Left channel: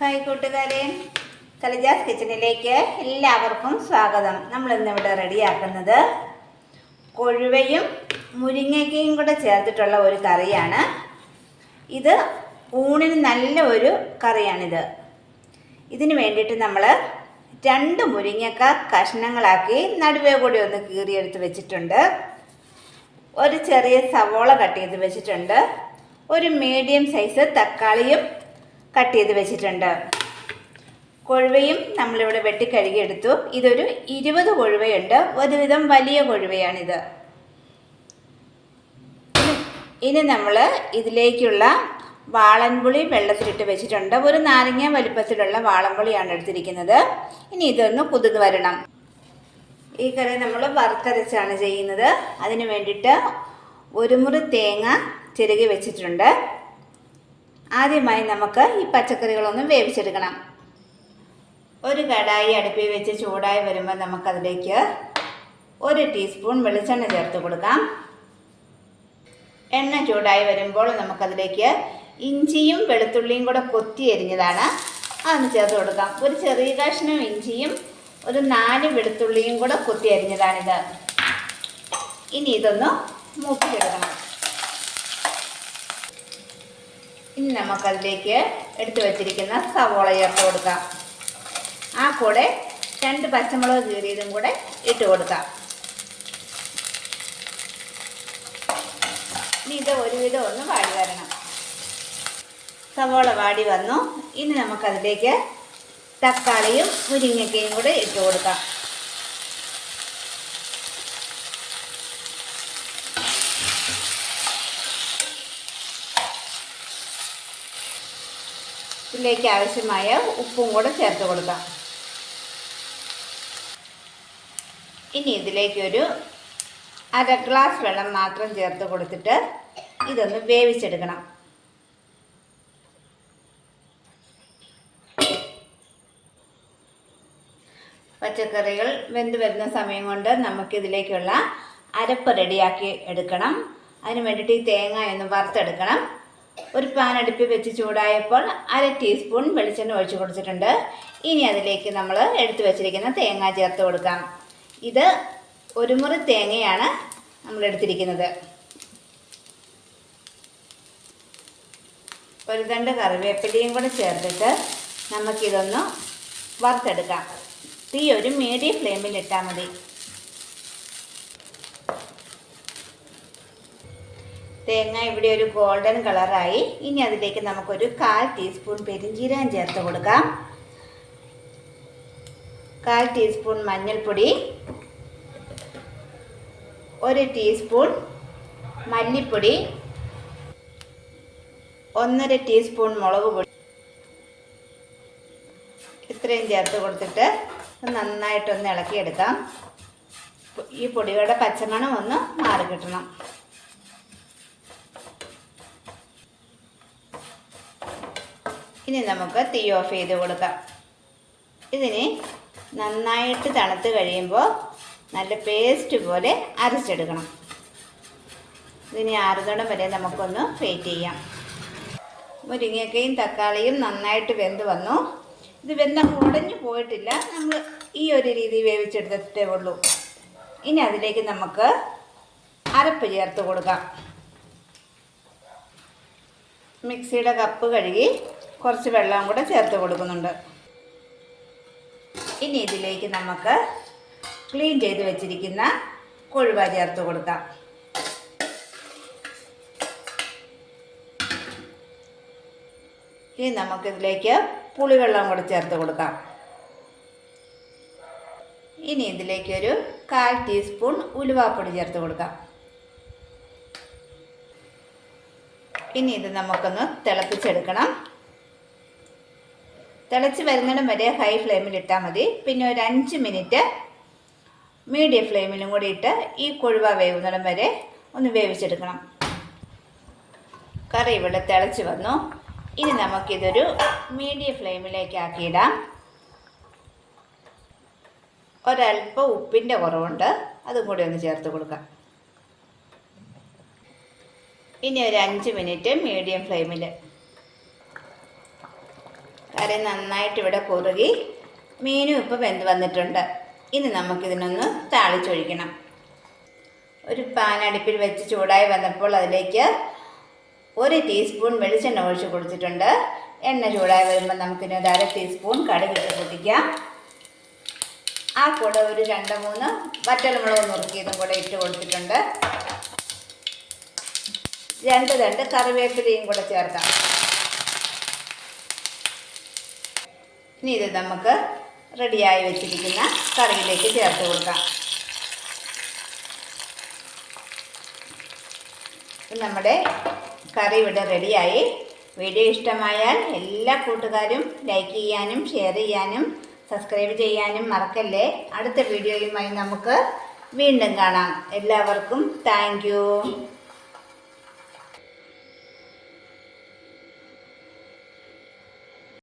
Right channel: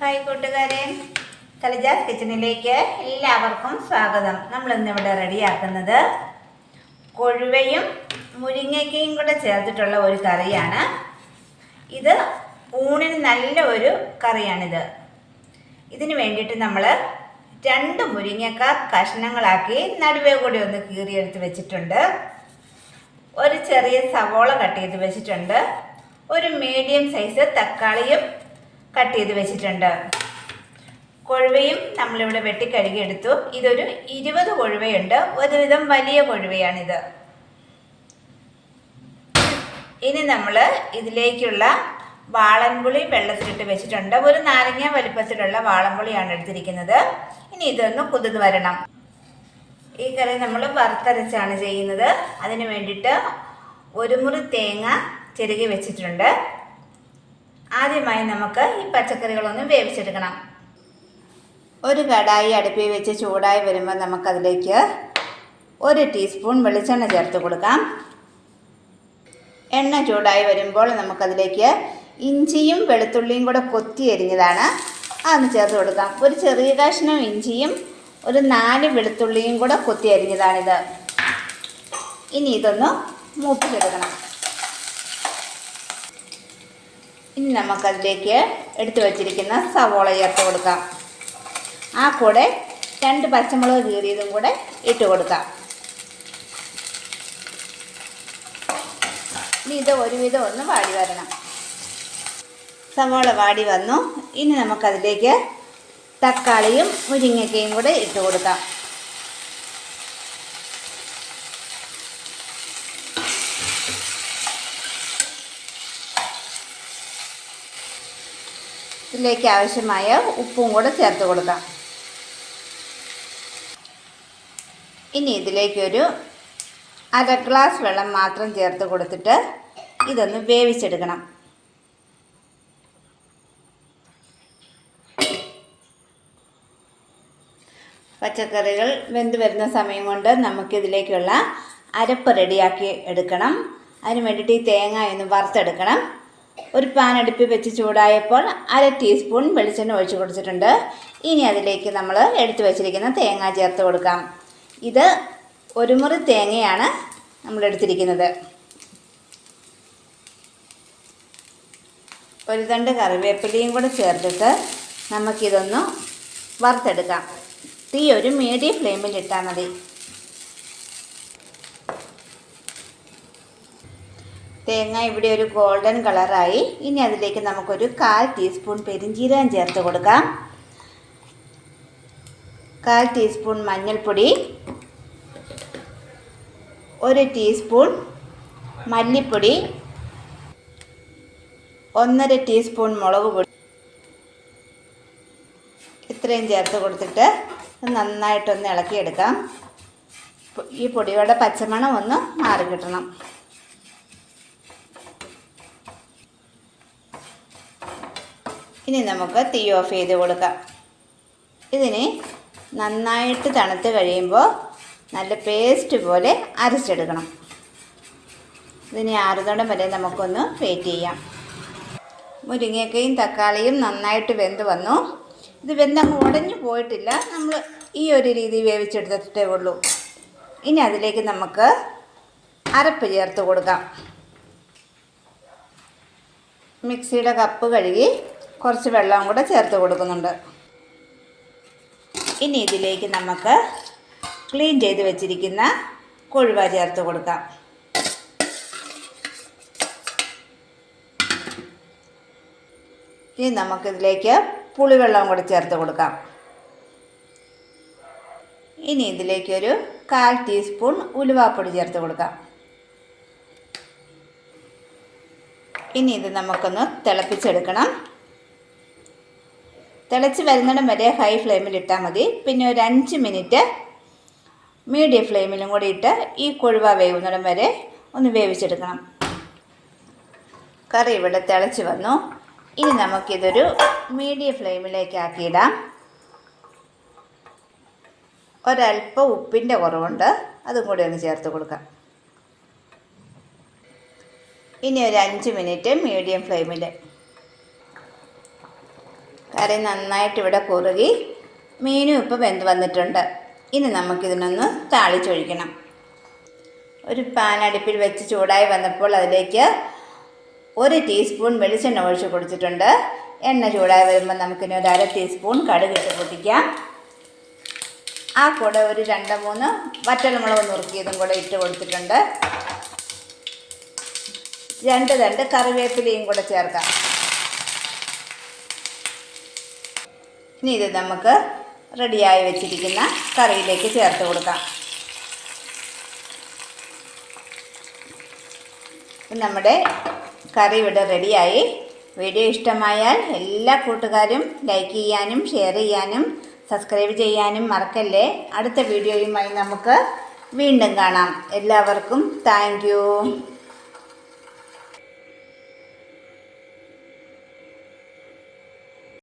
Hi കൂട്ടുകാരെ, കലിജാസ് കിച്ചണിലേക്ക് എല്ലാവർക്കും സ്വാഗതം. നമ്മളിന്നിവിടെ റെഡിയാക്കുന്നത് കൊഴുവയും മുരിങ്ങയ്ക്കയും കൂടെ ചേർത്തിട്ടുള്ള ഒരു കറിയാണ്. ഇത് ഊണിന് നല്ല ഒരു കറിയാണിത്. ഇതിന് വേണ്ടിയിട്ട് നമ്മൾ 2 മുരിങ്ങക്ക കഷ്ണങ്ങളാക്കി നടുവേ കൂടി ഒന്ന് കീറിയെടുത്ത് വെച്ചിട്ടുണ്ട്. ഒരു ചെറിയ സവോള കട്ട് ചെയ്ത് വെച്ചിട്ടുണ്ട്. ഒരു മീഡിയം സൈസ് തക്കാളിയും കട്ട് ചെയ്ത് വെച്ചിട്ടുണ്ട്. കൊഴുവയും നമ്മളിവിടെ വെട്ടിക്കഴുകിയെടുത്തു. ഇതൊരു 20 കൊഴുവയുണ്ട്. ഒരുവിധം വലിയ കൊഴുവയാണിത്. ഇനി നമ്മൾ ഇതിലേക്കുള്ള വാളൻപുളി വെള്ളത്തിലിട്ട് വെച്ചിട്ടുണ്ട്. ഒരു നാരങ്ങ വലുപ്പത്തിലുള്ള വാളൻപുളിയാണ് എടുത്തിരിക്കുന്നത്. ഇനി ഇതൊന്ന് കുതിർന്ന് വരണം. ഈ കറി നമ്മൾ വറുത്തരച്ചാണ് ചെയ്യുന്നത്. അതിന് വേണ്ടിയിട്ട് ഒരു മുറി തേങ്ങ ചിരകി വെച്ചിട്ടുണ്ട്. ആദ്യമായി നമുക്ക് ഈ പച്ചക്കറികളൊന്ന് വേവിച്ചെടുക്കണം. ഒരു കടായി അടുപ്പിൽ വെച്ച് ചൂടായി വരുമ്പോൾ നമുക്കതിലേക്ക് 1 ടീസ്പൂൺ വെളിച്ചെണ്ണ ചേർത്ത് കൊടുക്കാം. എണ്ണ ചൂടായി വരുമ്പോൾ നമുക്കതിലേക്ക് ഇഞ്ചിയും വെളുത്തുള്ളിയും കൂടെ കൊത്തി എരിഞ്ഞതാണ്, അതൊന്ന് ചേർത്ത് കൊടുക്കാം. ഒരു ചെറിയ കഷ്ണം ഇഞ്ചിയും ഒരു 4 വെളുത്തുള്ളിയും കൂടെ കൊത്തി അരിഞ്ഞതാണിത്. ഇനി ഇതൊന്ന് മൂപ്പിച്ചെടുക്കണം. ഇനി നമുക്കതിലേക്ക് എടുത്തു വച്ചിരിക്കുന്ന സവോള ചേർത്ത് കൊടുക്കാം. ആ കൂടെ 2 പച്ചമുളക് കീറിയതും കൂടെ ഇട്ട് കൊടുക്കാം. ഇനി ഇത് ഒരുവിധം ഒന്ന് വാടി വരണം. സവോള വാടി വന്നു. ഇനി നമുക്കതിലേക്ക് തക്കാളിയും മുരിങ്ങയ്ക്കയും കൂടെ ഇട്ട് കൊടുക്കാം. ഇതിലേക്ക് ആവശ്യമായ ഉപ്പും കൂടെ ചേർത്ത് കൊടുക്കാം. ഇനി ഇതിലേക്കൊരു 1/2 ഗ്ലാസ് വെള്ളം മാത്രം ചേർത്ത് കൊടുത്തിട്ട് ഇതൊന്ന് വേവിച്ചെടുക്കണം. പച്ചക്കറികൾ വെന്ത് വരുന്ന സമയം കൊണ്ട് നമുക്കിതിലേക്കുള്ള അരപ്പ് റെഡിയാക്കി എടുക്കണം. അതിന് വേണ്ടിയിട്ട് ഈ തേങ്ങ ഒന്ന് വറുത്തെടുക്കണം. ഒരു പാൻ അടുപ്പിൽ വെച്ച് ചൂടായപ്പോൾ 1/2 ടീസ്പൂൺ വെളിച്ചെണ്ണ ഒഴിച്ച് കൊടുത്തിട്ടുണ്ട്. ഇനി അതിലേക്ക് നമ്മൾ എടുത്തു വച്ചിരിക്കുന്ന തേങ്ങ ചേർത്ത് കൊടുക്കാം. ഇത് 1 മുറി തേങ്ങയാണ് നമ്മൾ എടുത്തിരിക്കുന്നത്. 1 തണ്ട് കറിവേപ്പിലയും കൂടെ ചേർത്തിട്ട് നമുക്കിതൊന്ന് വറുത്തെടുക്കാം. തീ ഒരു മീഡിയം ഫ്ലെയിമിൽ ഇട്ടാൽ മതി. തേങ്ങ ഇവിടെ ഒരു ഗോൾഡൻ കളറായി. ഇനി അതിലേക്ക് നമുക്കൊരു 1/4 ടീസ്പൂൺ പെരിഞ്ജീരകം ചേർത്ത് കൊടുക്കാം. 1/4 ടീസ്പൂൺ മഞ്ഞൾപ്പൊടി, 1 ടീസ്പൂൺ മല്ലിപ്പൊടി, 1/2 ടീസ്പൂൺ മുളക് പൊടി, ഇത്രയും ചേർത്ത് കൊടുത്തിട്ട് നന്നായിട്ടൊന്ന് ഇളക്കിയെടുക്കാം. ഈ പൊടികളുടെ പച്ചമണം ഒന്ന് മാറി കിട്ടണം. ഇനി നമുക്ക് തീ ഓഫ് ചെയ്ത് കൊടുക്കാം. ഇതിന് നന്നായിട്ട് തണുത്ത് കഴിയുമ്പോൾ നല്ല പേസ്റ്റ് പോലെ അരച്ചെടുക്കണം. ഇതിന് ആറുതോളം വരെ നമുക്കൊന്ന് വെയിറ്റ് ചെയ്യാം. മുരിങ്ങയ്ക്കയും തക്കാളിയും നന്നായിട്ട് വെന്ത് വന്നു. ഇത് വെന്തങ്ങ് ഉടഞ്ഞു പോയിട്ടില്ല. നമ്മൾ ഈ ഒരു രീതി വേവിച്ചെടുത്തിട്ടേ ഉള്ളൂ. ഇനി അതിലേക്ക് നമുക്ക് അരപ്പ് ചേർത്ത് കൊടുക്കാം. മിക്സിയുടെ കപ്പ് കഴുകി കുറച്ച് വെള്ളം കൂടെ ചേർത്ത് കൊടുക്കുന്നുണ്ട്. ഇനി ഇതിലേക്ക് നമുക്ക് ക്ലീൻ ചെയ്ത് വെച്ചിരിക്കുന്ന കൊഴുവ ചേർത്ത് കൊടുക്കാം. ഇനി നമുക്കിതിലേക്ക് പുളിവെള്ളം കൂടി ചേർത്ത് കൊടുക്കാം. ഇനി ഇതിലേക്കൊരു 1/4 ടീസ്പൂൺ ഉലുവാപ്പൊടി ചേർത്ത് കൊടുക്കാം. ഇനി ഇത് നമുക്കൊന്ന് തിളപ്പിച്ചെടുക്കണം. തിളച്ച് വരുന്നിടം വരെ ഹൈ ഫ്ലെയിമിൽ ഇട്ടാൽ മതി. പിന്നെ ഒരു 5 മിനിറ്റ് മീഡിയം ഫ്ലെയിമിലും കൂടി ഇട്ട് ഈ കൊഴുവ വേവുന്നിടം വരെ ഒന്ന് വേവിച്ചെടുക്കണം. കറി ഇവിടെ തിളച്ച് വന്നു. ഇനി നമുക്കിതൊരു മീഡിയം ഫ്ലെയിമിലേക്ക് ആക്കിയിടാം. ഒരല്പം ഉപ്പിൻ്റെ കുറവുണ്ട്, അതും കൂടി ഒന്ന് ചേർത്ത് കൊടുക്കാം. ഇനി ഒരു 5 മിനിറ്റ് മീഡിയം ഫ്ലെയിമിൽ കറി നന്നായിട്ട് ഇവിടെ കുറുകി മീനും ഇപ്പോൾ വെന്ത് വന്നിട്ടുണ്ട്. ഇനി നമുക്കിതിനൊന്ന് താളിച്ചൊഴിക്കണം. ഒരു പാൻ അടുപ്പിൽ വെച്ച് ചൂടായി വന്നപ്പോൾ അതിലേക്ക് 1 ടീസ്പൂൺ വെളിച്ചെണ്ണ ഒഴിച്ച് കൊടുത്തിട്ടുണ്ട്. എണ്ണ ചൂടായി വരുമ്പോൾ നമുക്കിനി ഒരു 1/2 ടീസ്പൂൺ കടുകിട്ട് പൊട്ടിക്കാം. ആ കൂടെ ഒരു 2-3 വറ്റൽമുളക് നുറുക്കിയതും കൂടെ ഇട്ട് കൊടുത്തിട്ടുണ്ട്. 2 തണ്ട് കറിവേപ്പിലയും കൂടെ ചേർക്കാം. ഇനി ഇത് നമുക്ക് റെഡിയായി വെച്ചിരിക്കുന്ന കറിയിലേക്ക് ചേർത്ത് കൊടുക്കാം. നമ്മുടെ കറി ഇവിടെ റെഡിയായി. വീഡിയോ ഇഷ്ടമായാൽ എല്ലാ കൂട്ടുകാരും ലൈക്ക് ചെയ്യാനും ഷെയർ ചെയ്യാനും സബ്സ്ക്രൈബ് ചെയ്യാനും മറക്കല്ലേ. അടുത്ത വീഡിയോയുമായി നമുക്ക് വീണ്ടും കാണാം. എല്ലാവർക്കും താങ്ക് യു.